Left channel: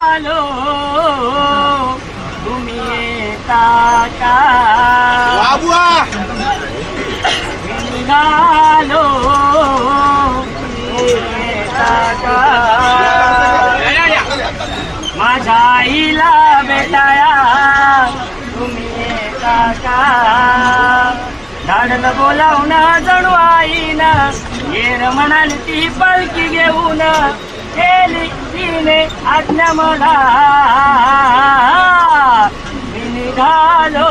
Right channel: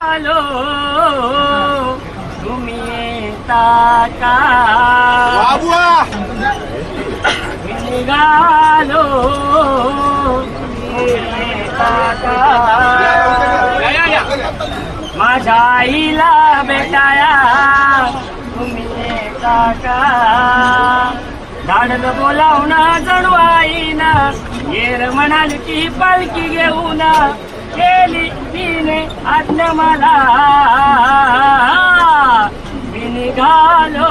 আলো তুমি তাকালো মাঝাইলা বেটায়া তুমি কাকা दादाला बोलाव ना जणू आईना। ये रमणाली ती दिने अज्ञ मला निघालो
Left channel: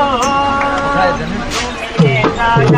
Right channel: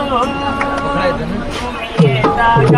निघालो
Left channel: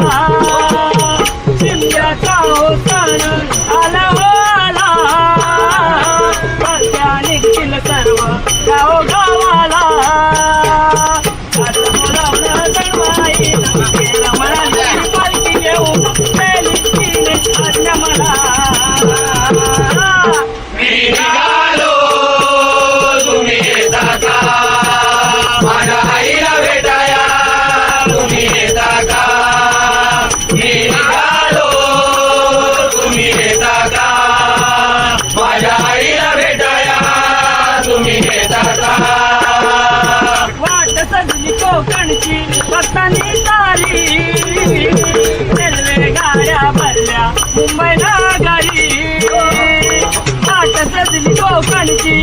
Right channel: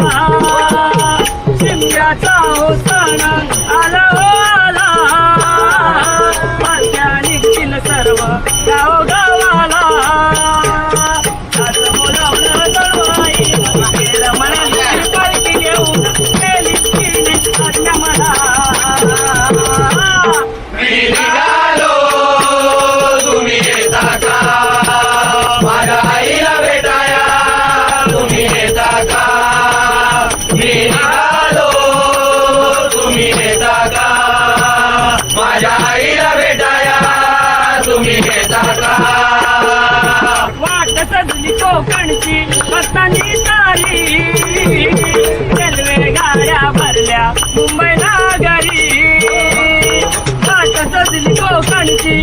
कोकणची पतनी तारी रेल्वे गाड्या भरल्या मुंबई नगरी सजली कोकणची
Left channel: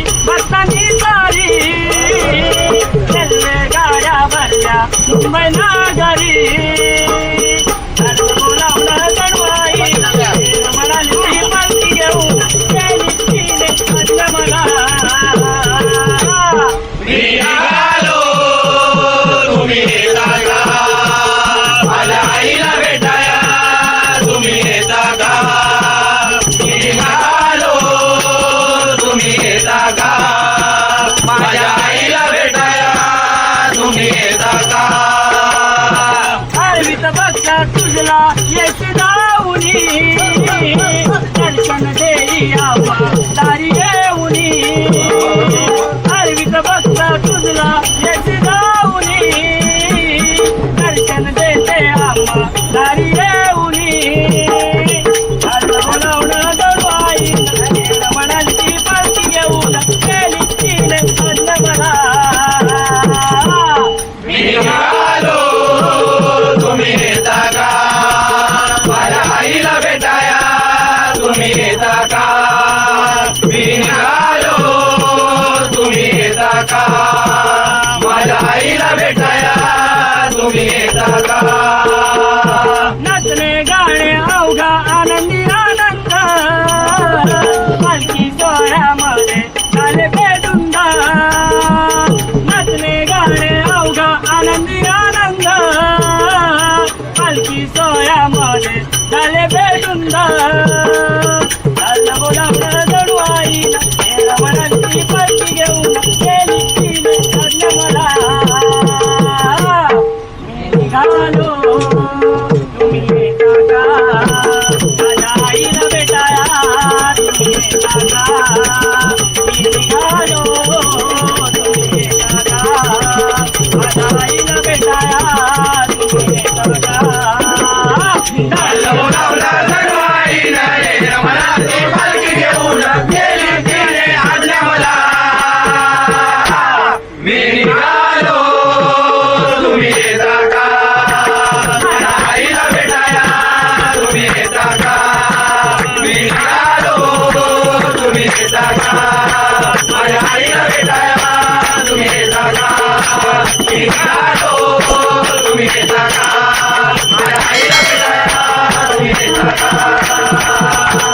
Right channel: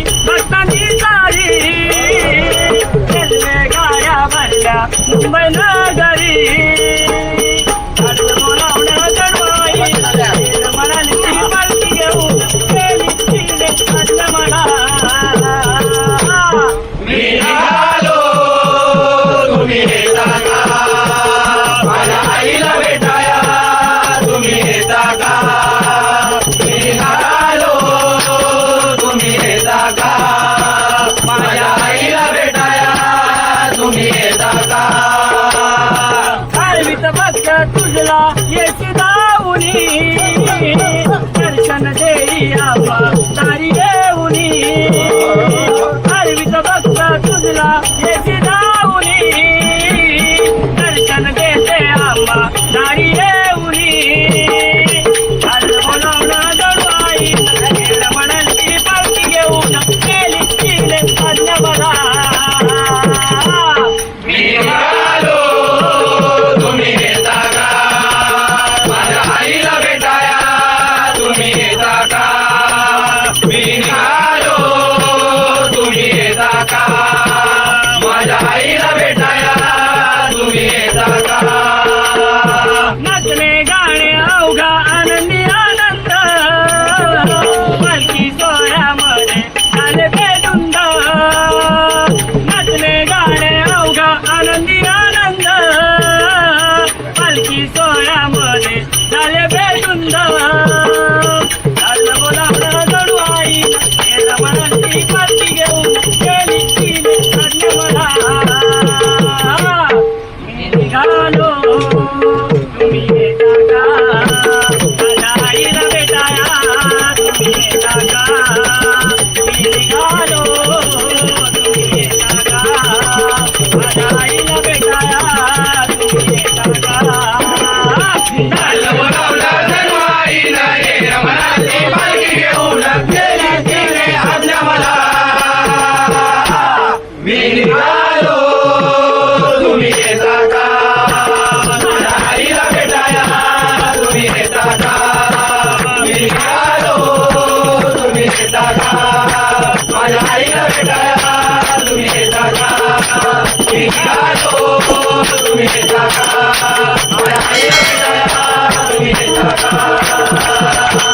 ಕಂಚನ Caraca! 别 Thank you.